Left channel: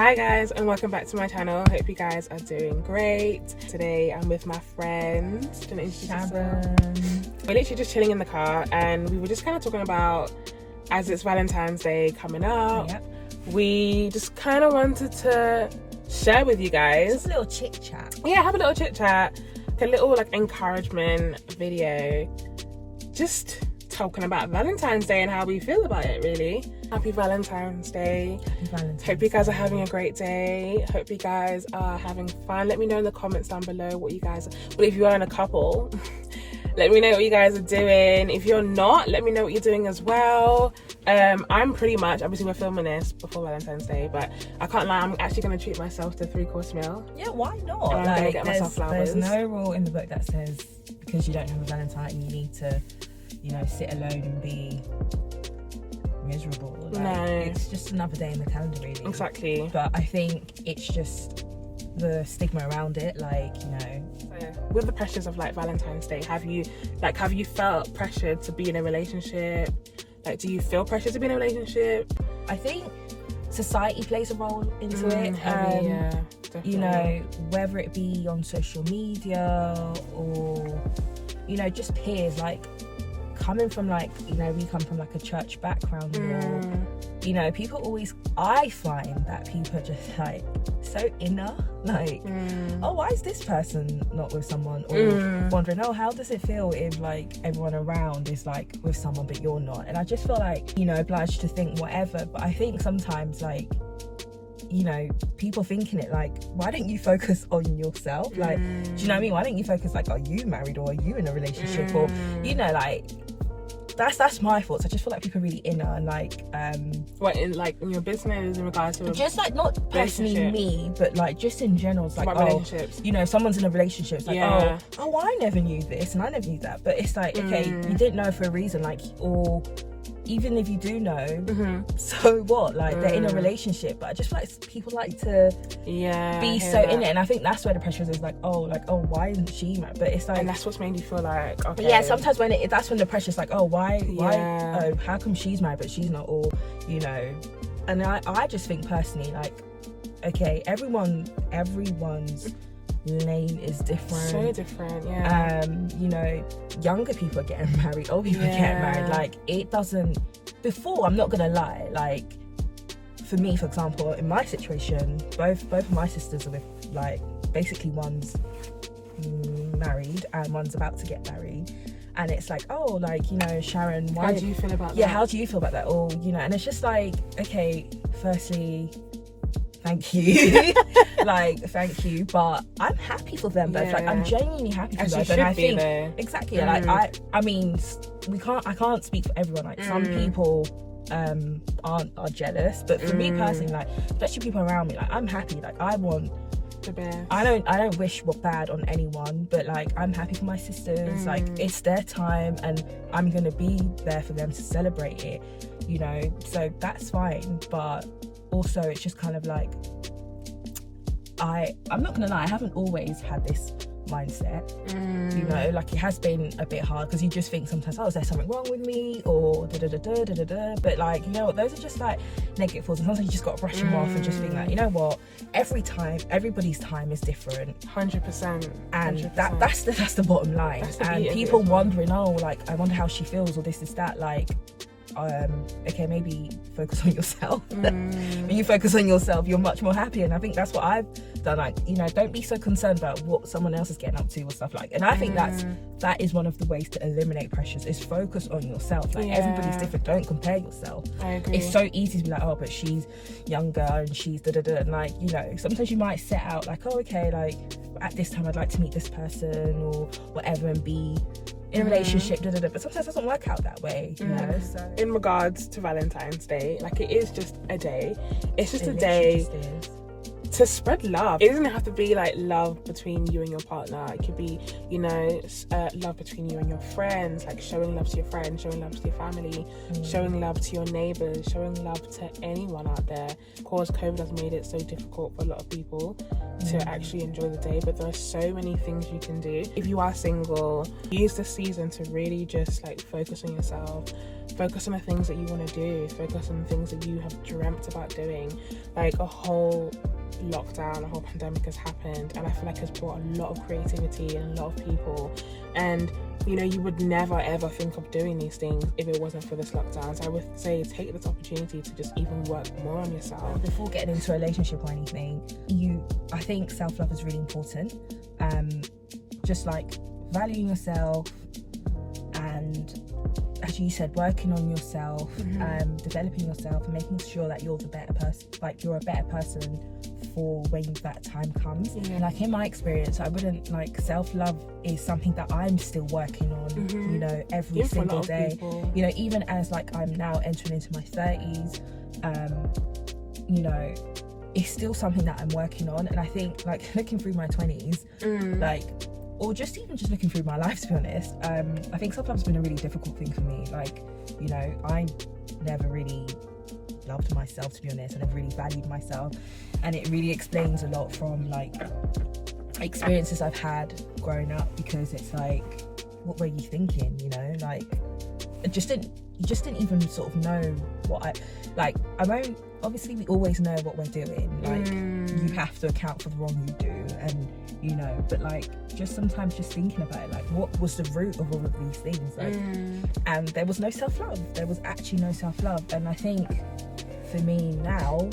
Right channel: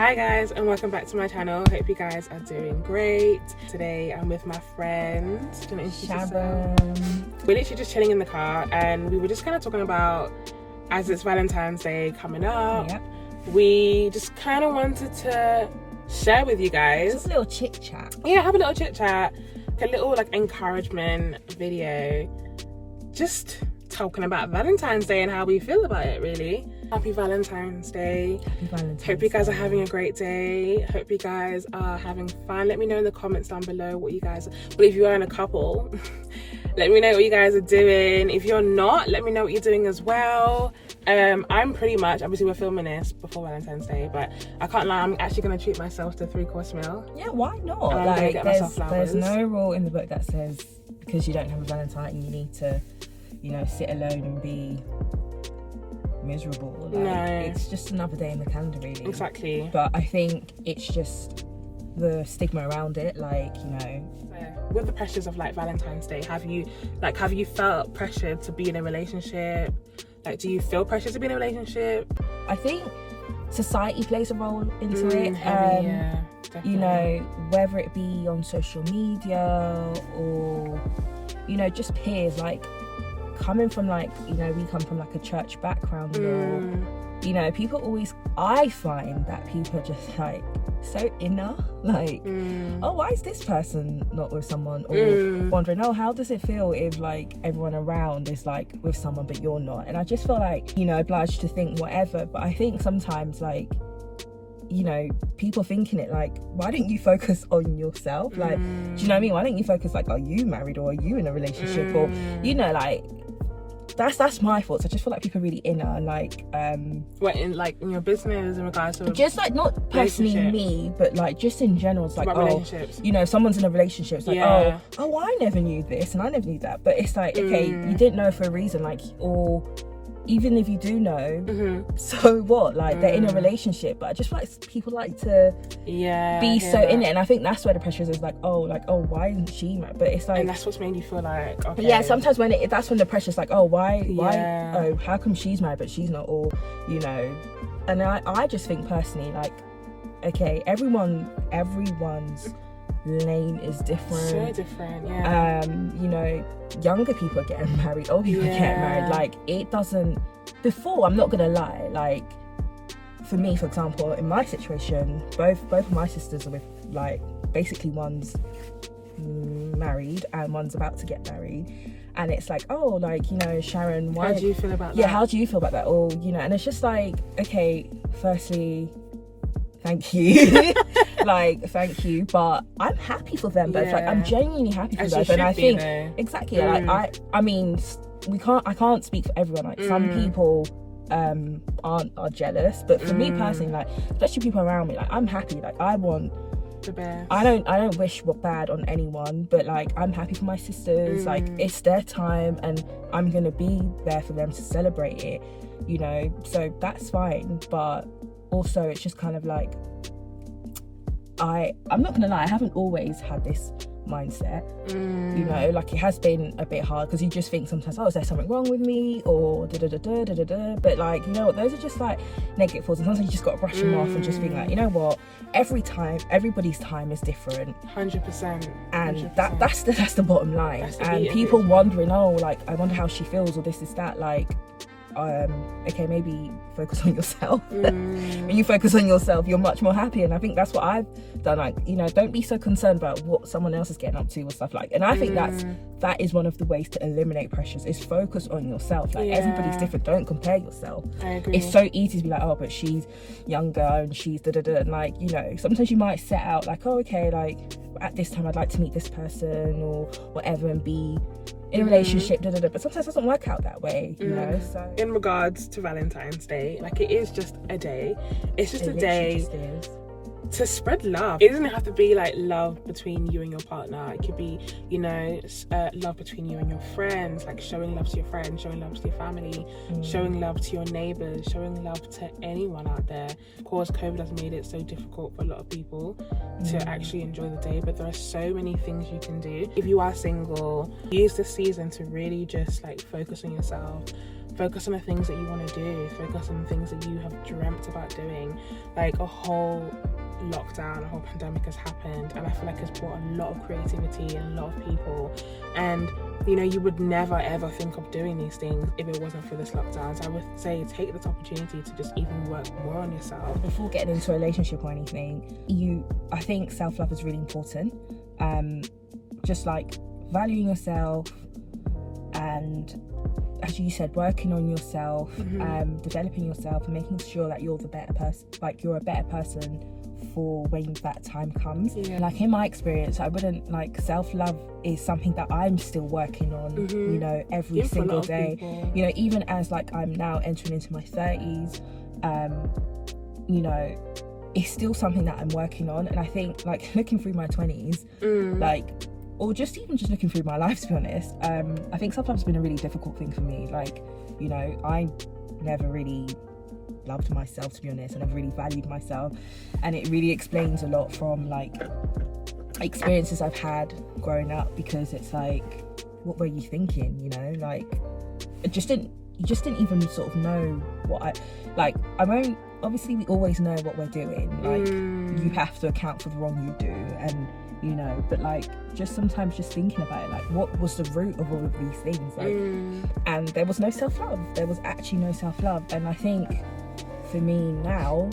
Hi guys, and welcome back to my channel. Hope you guys are doing great. Today I'm with my friend Sharon. We're literally just chilling in the car and we were just kind of talking about, as it's Valentine's Day coming up, we just kind of wanted to share with you guys. Just a little chit chat. Yeah, have a little chit chat, a little like encouragement video. Just talking about Valentine's Day and how we feel about it, really. Happy Valentine's Day. Hope you guys are having a great day. Hope you guys are having fun. Let me know in the comments down below what you guys are, well, if you are in a couple, let me know what you guys are doing. If you're not, let me know what you're doing as well. I'm pretty much, obviously we're filming this before Valentine's Day, but I can't lie, I'm actually going to treat myself to a 3-course meal. Yeah, why not? And I'm going to get myself flowers. There's no rule in the book that says because you don't have a Valentine you need to, you know, sit alone and be miserable. Like, no, it's just another day in the calendar, really. Exactly. But I think it's just the stigma around it, like, you know. So, with the pressures of like Valentine's Day, have you felt pressured to be in a relationship? Like, do you feel pressured to be in a relationship? I think society plays a role into it. Heavy, yeah, you know, whether it be on social media or, you know, just peers, like coming from, like, you know, we come from like a church background, or, you know, people always, I find that people are just like so inner, like, oh, why is this person not with someone, or wondering, oh, how does it feel if like everyone around is like with someone but you're not? And I just feel like, you know, obliged to think whatever. But I think sometimes, like, you know, people thinking it like, why don't you focus on yourself? Like, do you know what I mean? Why don't you focus like, are you married or are you in a relationship? Or, you know, like, that's my thoughts. I just feel like people are really inner and like what, in like in your business, in regards to just like, not personally me, but like just in general. It's like, about relationships, you know, someone's in a relationship, it's like, oh, I never knew this and I never knew that. But it's like, okay, you didn't know for a reason, like, or even if you do know, so what? Like, they're in a relationship. But I just feel like people like to be so in it, and I think that's where the pressure is like, oh, why isn't she mad? But it's like, and that's what's made you feel like, okay, yeah, sometimes when that's when the pressure's like, oh, why oh, how come she's married but she's not? Or, you know. And I just think personally, like, okay, everyone's lane is different, so different. You know, younger people are getting married, old people are getting married. Like, it doesn't, before, I'm not gonna lie, like, for me, for example, in my situation, both of my sisters are with, like, basically one's married and one's about to get married, and it's like, oh, like, you know, Sharon, how do you feel about that? Yeah, how do you feel about that? Or, you know, and it's just like, okay, firstly, thank you. Like, thank you, but I'm happy for them both. Like, I'm genuinely happy for them, and I think exactly, like, I mean, I can't speak for everyone. Like, some people are jealous, but for me personally, like, especially people around me, like, I'm happy. Like, I want the best. I don't wish what bad on anyone, but like, I'm happy for my sisters. Like, it's their time and I'm gonna be there for them to celebrate it, you know, so that's fine. But also, it's just kind of like, I'm not gonna lie, I haven't always had this mindset, you know, like, it has been a bit hard because you just think sometimes, oh, is there something wrong with me, or but like, you know what, those are just like negative thoughts, and sometimes you just got to brush them off and just think like, you know what, everybody's time is different, 100%, and that's the bottom line. And people wondering, oh, like, I wonder how she feels, or this is that, like, okay, maybe focus on yourself. When you focus on yourself, you're much more happy, and I think that's what I've done. Like, you know, don't be so concerned about what someone else is getting up to or stuff like. And I think that is one of the ways to eliminate pressures, is focus on yourself. Like, everybody's different, don't compare yourself. I agree. It's so easy to be like, oh, but she's younger and she's and like, you know, sometimes you might set out like, oh, okay, like, at this time I'd like to meet this person or whatever and be in a relationship, but sometimes it doesn't work out that way, you know. So, in regards to Valentine's Day, like, it is just a day. It's just a day to spread love. It doesn't have to be like love between you and your partner. It could be, you know, love between you and your friends, like showing love to your friends, showing love to your family, showing love to your neighbors, showing love to anyone out there. Of course, COVID has made it so difficult for a lot of people to actually enjoy the day, but there are so many things you can do. If you are single, use this season to really just like focus on yourself, focus on the things that you want to do, focus on the things that you have dreamt about doing. Like, a whole lockdown, a whole pandemic has happened, and I feel like it's brought a lot of creativity and a lot of people, and you know, you would never ever think of doing these things if it wasn't for this lockdown. So I would say take this opportunity to just even work more on yourself before getting into a relationship or anything. I think self-love is really important, just like valuing yourself, and as you said, working on yourself, developing yourself, and making sure that you're the better person, like you're a better person for when that time comes. Like, in my experience, I wouldn't, like, self-love is something that I'm still working on, you know, every single day. You know, even as like I'm now entering into my 30s, you know, it's still something that I'm working on. And I think, like, looking through my 20s, like, or just looking through my life, to be honest, I think self-love has been a really difficult thing for me. Like, you know, I never really loved myself, to be honest. I never really valued myself, and it really explains a lot from, like, experiences I've had growing up, because it's like, what were you thinking, you know? Like, you just didn't even sort of know what obviously we always know what we're doing, like, you have to account for the wrong you do, and you know, but like, just sometimes just thinking about it, like, what was the root of all of these things, like, and there was no self-love. There was actually no self-love. And I think for me now,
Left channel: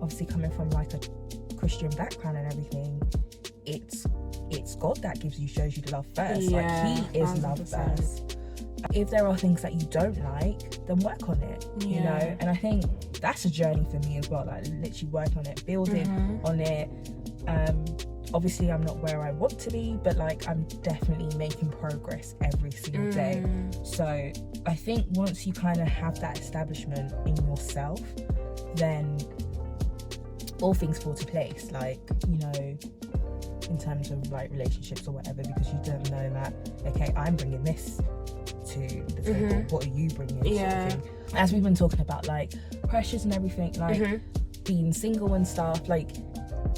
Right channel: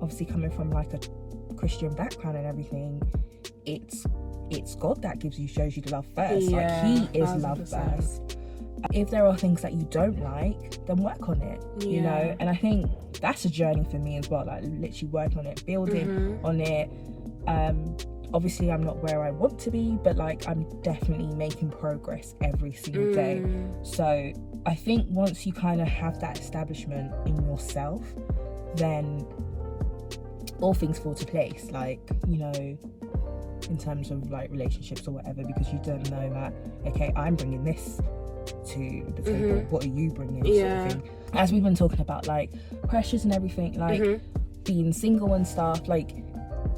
obviously coming from like a Christian background and everything, it's God that shows you the love first. Like, He is 100%. Love first. If there are things that you don't like, then work on it, you know. And I think that's a journey for me as well, like literally work on it, building on it. Obviously I'm not where I want to be, but like, I'm definitely making progress every single day. So I think once you kind of have that establishment in yourself, then all things fall to place, like, you know, in terms of like relationships or whatever, because you don't know that, okay, I'm bringing this to the table, what are you bringing, sort of thing. As we've been talking about, like, pressures and everything, like being single and stuff, like,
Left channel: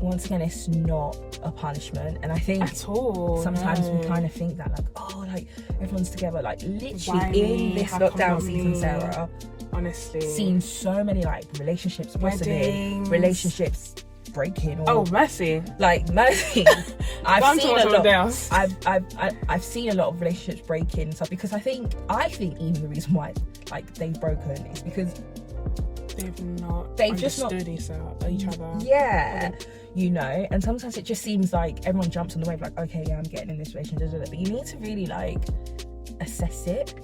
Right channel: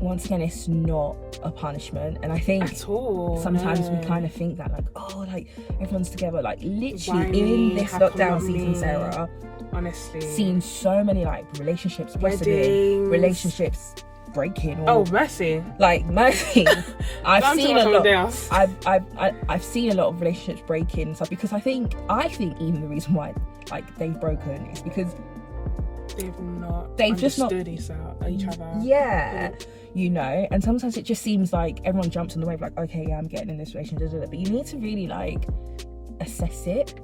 once again, it's not a punishment. And I think at all, sometimes we kind of think that, like, oh, like, everyone's together, like, literally in this lockdown season, Sarah, honestly, seen so many like relationships, weddings, relationships breaking, or mercy, like, mercy. I've seen a lot. I've seen a lot of relationships breaking and stuff, because I think even the reason why, like, they've broken is because they've just not understood each other. Yeah, you know. And sometimes it just seems like everyone jumps on the wave, like, okay, yeah, I'm getting in this relationship, but you need to really like assess it.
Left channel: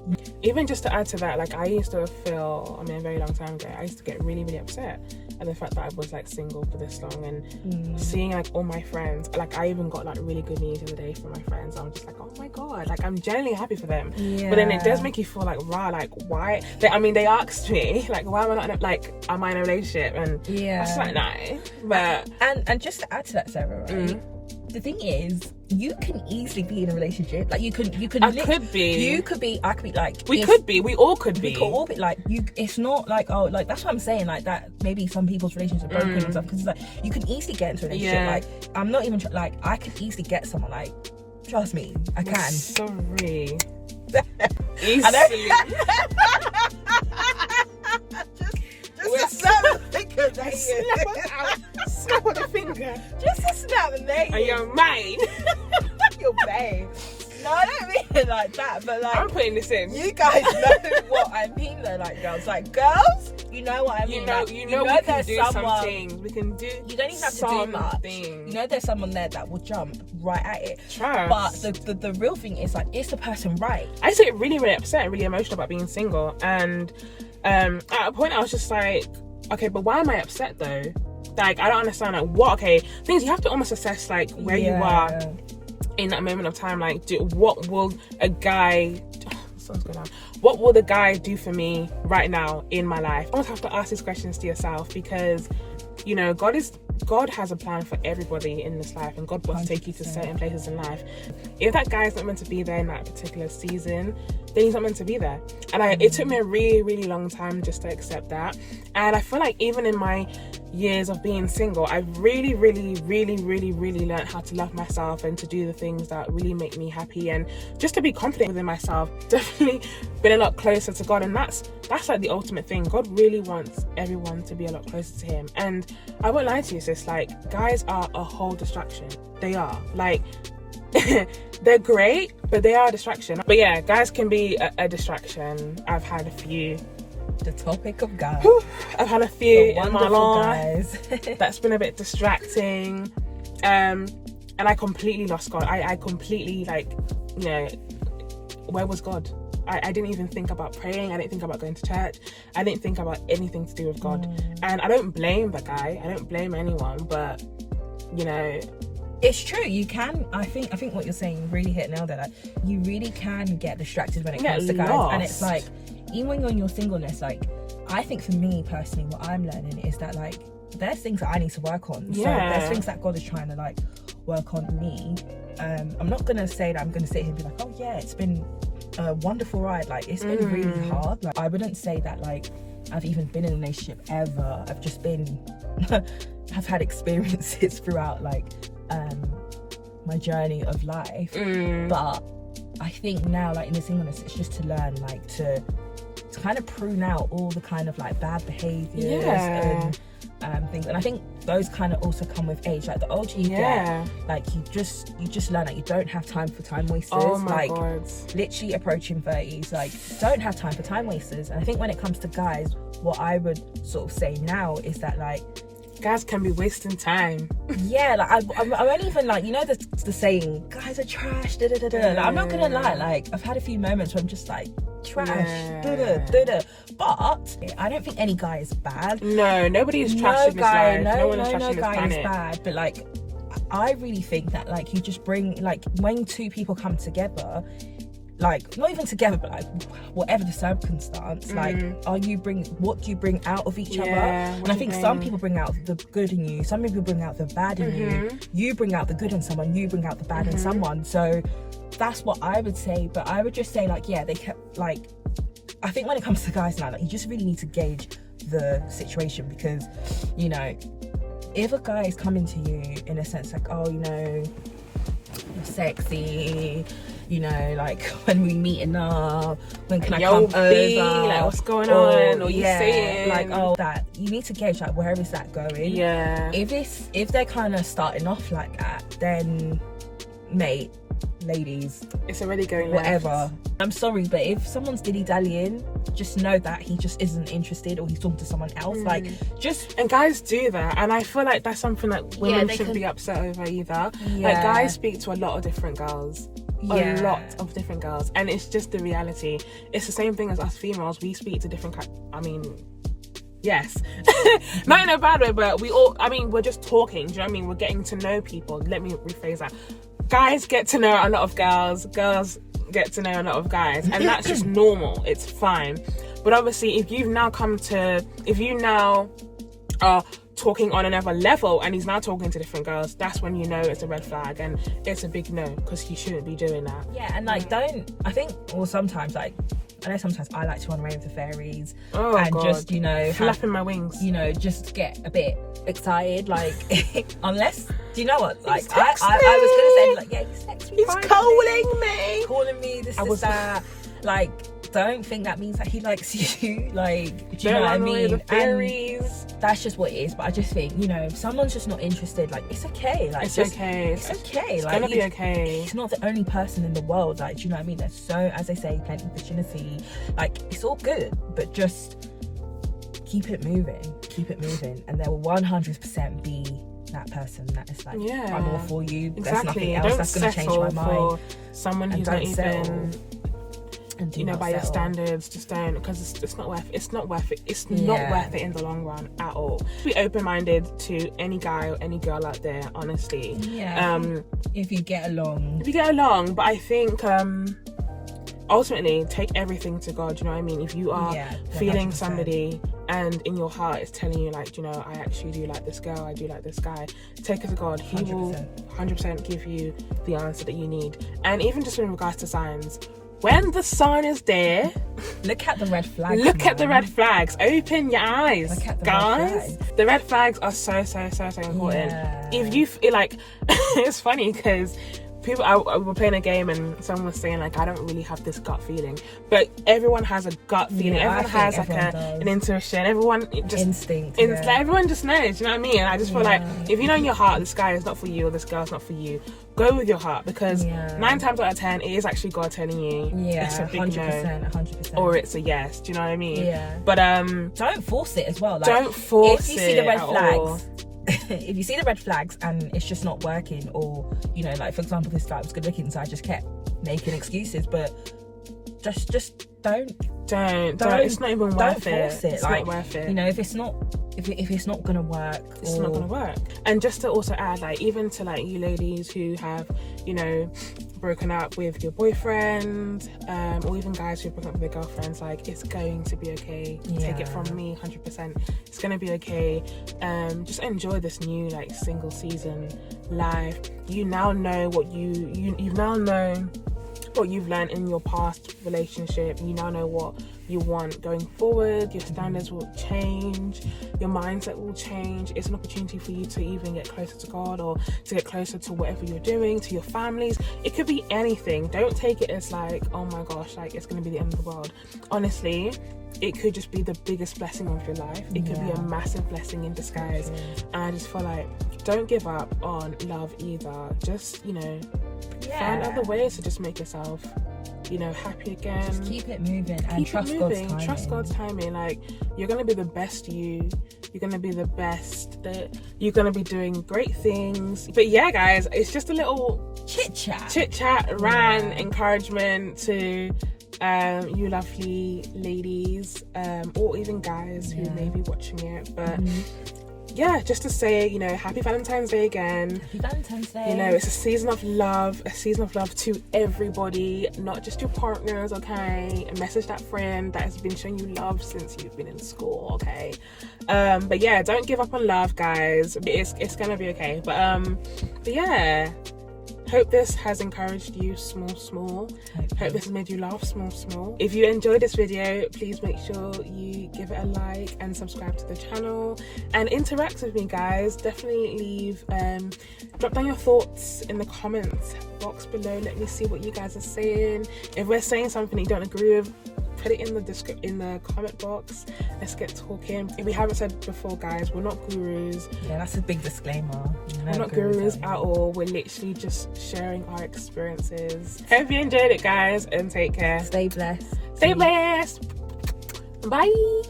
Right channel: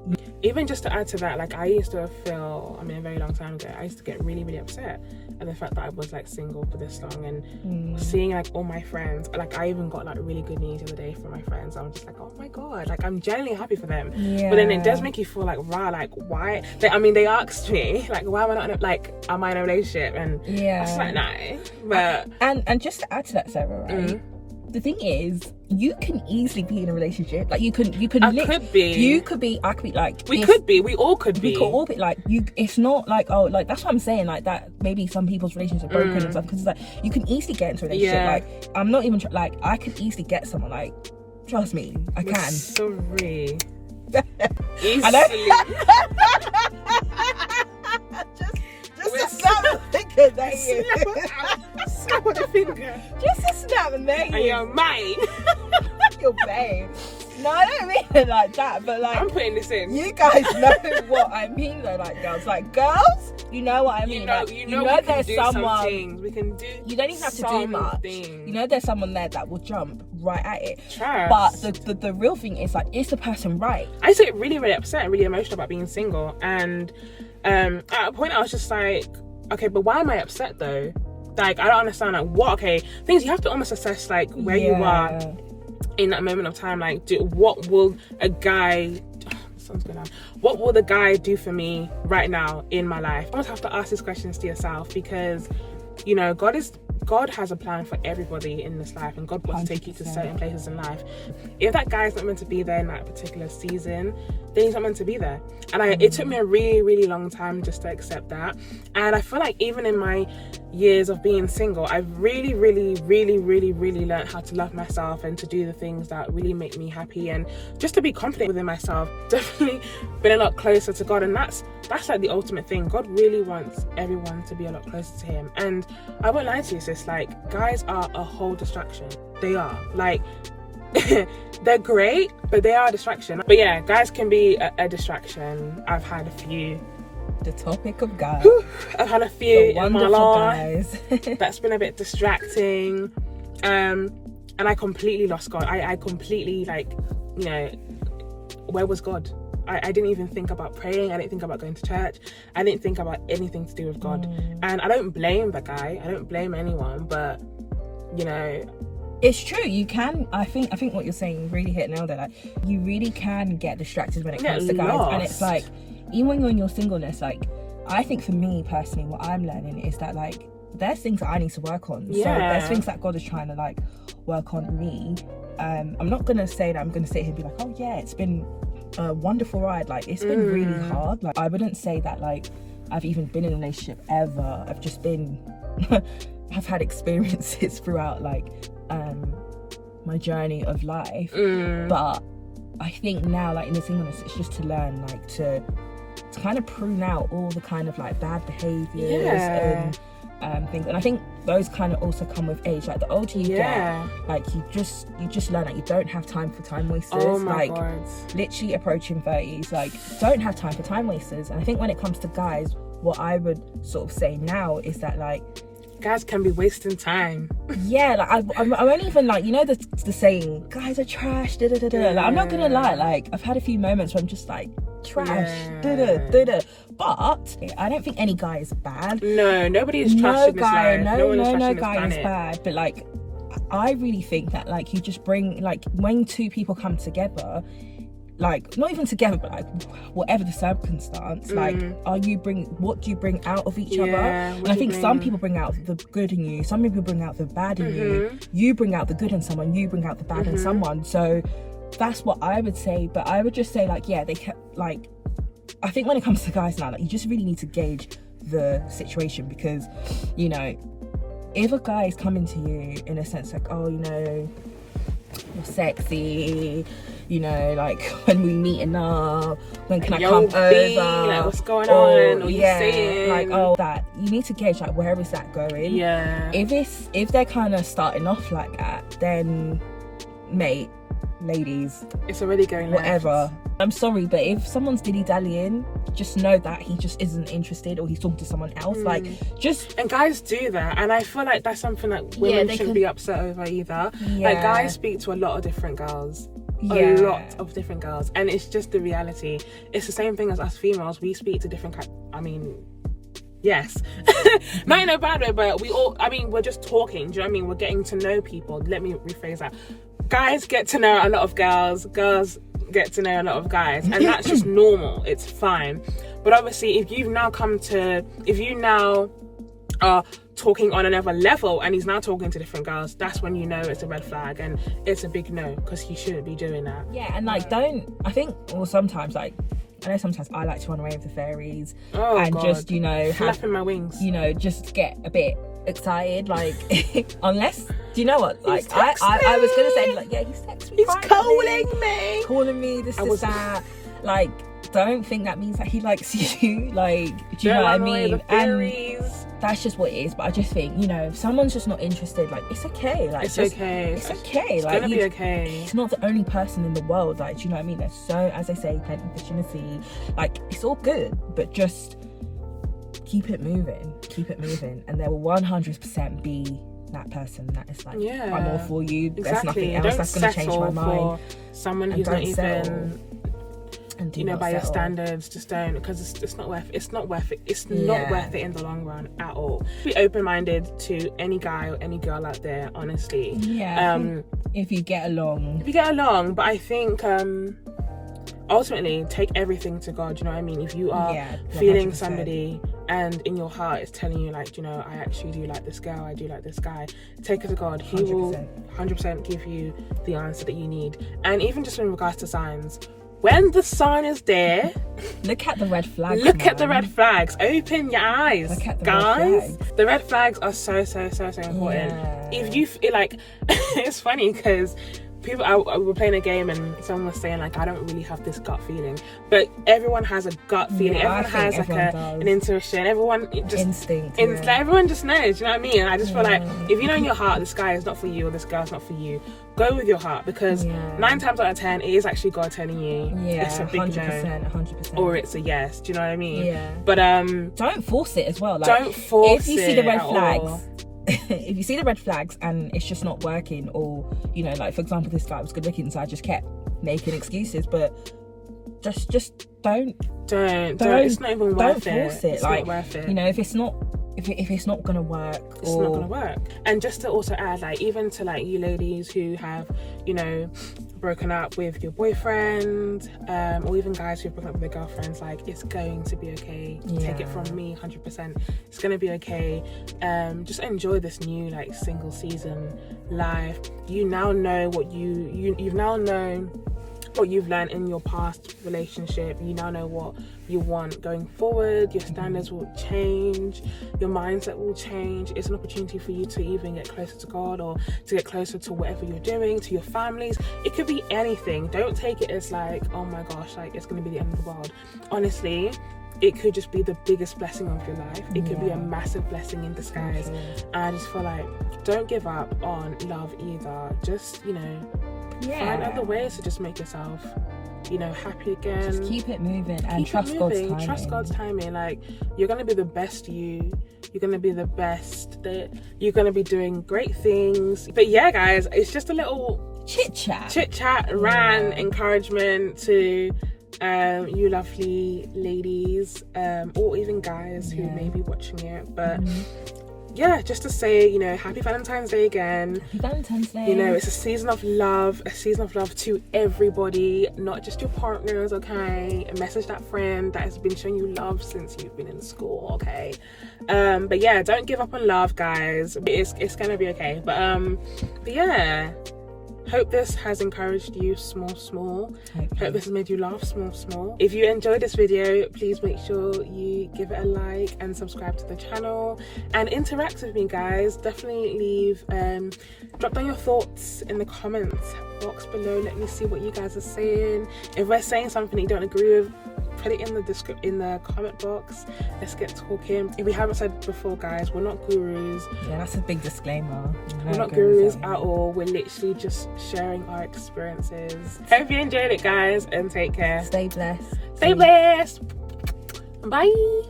Even just to add to that, like, I used to feel, I mean, a very long time ago, I used to get really, really upset at the fact that I was like single for this long, and seeing like all my friends, like, I even got like really good news the other day from my friends. I'm just like, oh my god, like, I'm genuinely happy for them. But then it does make you feel like, wow, like, why they asked me, like, why am I not in am I in a relationship? And that's like, no. But and just to add to that, Sarah, right, the thing is, you can easily be in a relationship. Like, you could be, I could be, like, we all could be like, it's not like, oh, like, that's what I'm saying, like, that maybe some people's relationships are broken and stuff, because it's like, you can easily get into a relationship. Like, I'm not even like, I could easily get someone, like, trust me, I can. Sorry. Easily. just snap the finger, snap on the finger. Just a snap, and there you go. And you're mine. You're babe. No, I don't mean it like that, but like, I'm putting this in. You guys know what I mean, though, like, girls. Like, girls, you know what I mean. You know there's someone. We can do. You don't even have to do much. You know there's someone there that will jump right at it. Trust. But the real thing is, like, is the person right? I used to get really, really upset and really emotional about being single, and at a point I was just like, okay, but why am I upset though? Like, I don't understand, like, what, okay, things you have to almost assess, like, where you are in that moment of time. Like, what will the guy do for me right now in my life? You almost have to ask these questions to yourself, because, you know, God has a plan for everybody in this life, and God wants to take you to certain places in life. If that guy is not meant to be there in that particular season, then he's not meant to be there. And it took me a really, really long time just to accept that. And I feel like even in my years of being single, I've really learned how to love myself and to do the things that really make me happy, and just to be confident within myself. Definitely been a lot closer to God, and that's like the ultimate thing. God really wants everyone to be a lot closer to him. And I won't lie to you, sis, like, guys are a whole distraction. They are, like, they're great, but they are a distraction. But yeah, guys can be a distraction. I've had a few. The topic of guys. I've had a few in my life that's been a bit distracting, and I completely lost God. I completely, like, you know, where was God? I didn't even think about praying. I didn't think about going to church. I didn't think about anything to do with God. And I don't blame the guy. I don't blame anyone, but, you know, it's true. You can. I think what you're saying really hit nail there. Like, you really can get distracted when it comes to guys, and it's like, even when you're in your singleness, like, I think for me personally, what I'm learning is that, like, there's things that I need to work on. So there's things that God is trying to, like, work on me. I'm not gonna say that I'm gonna sit here and be like, oh yeah, it's been a wonderful ride. Like, it's been really hard. Like, I wouldn't say that, like, I've even been in a relationship ever. I've just been I've had experiences throughout, like, my journey of life. But I think now, like, in the singleness, it's just to learn, like, to kind of prune out all the kind of, like, bad behaviors and things. And I think those kind of also come with age. Like, the older you get, like, you just learn that you don't have time for time wasters. Oh my like, God. Literally approaching 30s, like, don't have time for time wasters. And I think when it comes to guys, what I would sort of say now is that, like, guys can be wasting time. Yeah, like, I won't even, like, you know, the saying, guys are trash, da da da da. Like, I'm not gonna lie, like, I've had a few moments where I'm just like, trash, da da da da. But I don't think any guy is bad. No, nobody is trash in this life. No one is trash in this guy planet. is bad. But, like, I really think that, like, you just bring, like, when two people come together, like, not even together, but, like, whatever the circumstance, like, what do you bring out of each other? And I think some people bring out the good in you, some people bring out the bad in you. You bring out the good in someone, you bring out the bad in someone. So that's what I would say. But I would just say, like, yeah, they can, like, I think when it comes to guys now, like, you just really need to gauge the situation, because, you know, if a guy is coming to you in a sense like, oh, you know, you're sexy, you know, like, when we meeting up, when can I come over, like, what's going on, or you saying, like, oh, that, you need to gauge, like, where is that going? If they're kind of starting off like that, then, mate, ladies, it's already going whatever left. I'm sorry, but if someone's dilly-dallying, just know that he just isn't interested, or he's talking to someone else. Like, just, and guys do that, and I feel like that's something that women shouldn't be upset over either. Like, guys speak to a lot of different girls, a lot of different girls, and it's just the reality. It's the same thing as us females. We speak to different I mean, yes, not in a bad way, but we all, I mean, we're just talking, do you know what I mean? We're getting to know people. Let me rephrase that. Guys get to know a lot of girls, girls get to know a lot of guys, and that's just normal. It's fine. But obviously, if you now are talking on another level and he's now talking to different girls, that's when you know it's a red flag, and it's a big no, because you shouldn't be doing that. Yeah, and, like, sometimes, like, I know sometimes I like to run away with the fairies, just, you know, flapping my wings, you know, just get a bit excited, like, unless, do you know what, like, I was gonna say, like, yeah, he's texting me, he's calling me, this that, like, don't think that means that he likes you, like, do you know what I mean? The fairies. And that's just what it is. But I just think, you know, if someone's just not interested, like, it's okay, like, it's okay, it's okay, it's like, gonna be okay. He's not the only person in the world, like, do you know what I mean? There's so, as they say, plenty of opportunity, like, it's all good, but just keep it moving, and there will 100% be that person that is like, I'm all for you, there's nothing else that's going to change my mind. Someone who's not even, and you know, by your standards, just don't, because it's not worth it in the long run at all. Be open-minded to any guy or any girl out there, honestly. If you get along, but I think ultimately take everything to God, you know what I mean? If you are feeling somebody and in your heart it's telling you, like, you know, I actually do like this girl, I do like this guy, take it to God. He will 100% give you the answer that you need. And even just in regards to signs, when the sign is there, look at the red flags. Look at the red flags. Open your eyes, Look at the guys. red flags. The red flags are so important. Yeah. If you feel like, it's funny because people, I were playing a game and someone was saying like, I don't really have this gut feeling, but everyone has a gut feeling. Yeah, everyone has like an intuition. Everyone just instinct. like, everyone just knows. You know what I mean? And I just feel like if you know in your heart this guy is not for you or this girl's not for you, go with your heart, because 9 times out of 10 it is actually God telling you it's a big 100%, no, or it's a yes. Do you know what I mean? Yeah. But don't force it as well. Like, don't force it. If you see the red flags. All. If you see the red flags and it's just not working, or you know, like for example, this guy was good looking, so I just kept making excuses, but just don't. It's not even worth it. Don't force it. It's like, not worth it. You know, if it's not gonna work, it's not gonna work. And just to also add, like, even to like you ladies who have, you know, broken up with your boyfriend, or even guys who've broken up with their girlfriends, like, it's going to be okay. Take it from me, 100%. It's gonna be okay. Just enjoy this new like single season life. You now know what you've now known what you've learned in your past relationship. You now know what you want going forward. Your standards will change, your mindset will change. It's an opportunity for you to even get closer to God, or to get closer to whatever you're doing, to your families. It could be anything. Don't take it as like, oh my gosh, like it's going to be the end of the world. Honestly, it could just be the biggest blessing of your life. It could be a massive blessing in disguise. And I just feel like, don't give up on love either. Just, you know, find other ways to just make yourself, you know, happy again. Just keep it moving and trust God's timing. Trust God's timing. Like, you're gonna be the best you. You're gonna be the best. You're gonna be doing great things. But yeah, guys, it's just a little chit chat, rant, encouragement to you lovely ladies, or even guys who may be watching it. But yeah, just to say, you know, happy Valentine's Day again. Happy Valentine's Day. You know, it's a season of love to everybody, not just your partners, okay? Message that friend that has been showing you love since you've been in school, okay? But yeah, don't give up on love, guys. It's gonna be okay. But yeah, hope this has encouraged you small. Hope this has made you laugh small. If you enjoyed this video, please make sure you give it a like and subscribe to the channel and interact with me, guys. Definitely leave drop down your thoughts in the comments box below. Let me see what you guys are saying. If we're saying something that you don't agree with, put it in the comment box. Let's get talking. If we haven't said before, guys, we're not gurus. Yeah, that's a big disclaimer. We're not gurus at all. We're literally just sharing our experiences. Hope you enjoyed it, guys, and take care. Stay blessed. Stay blessed. Bye.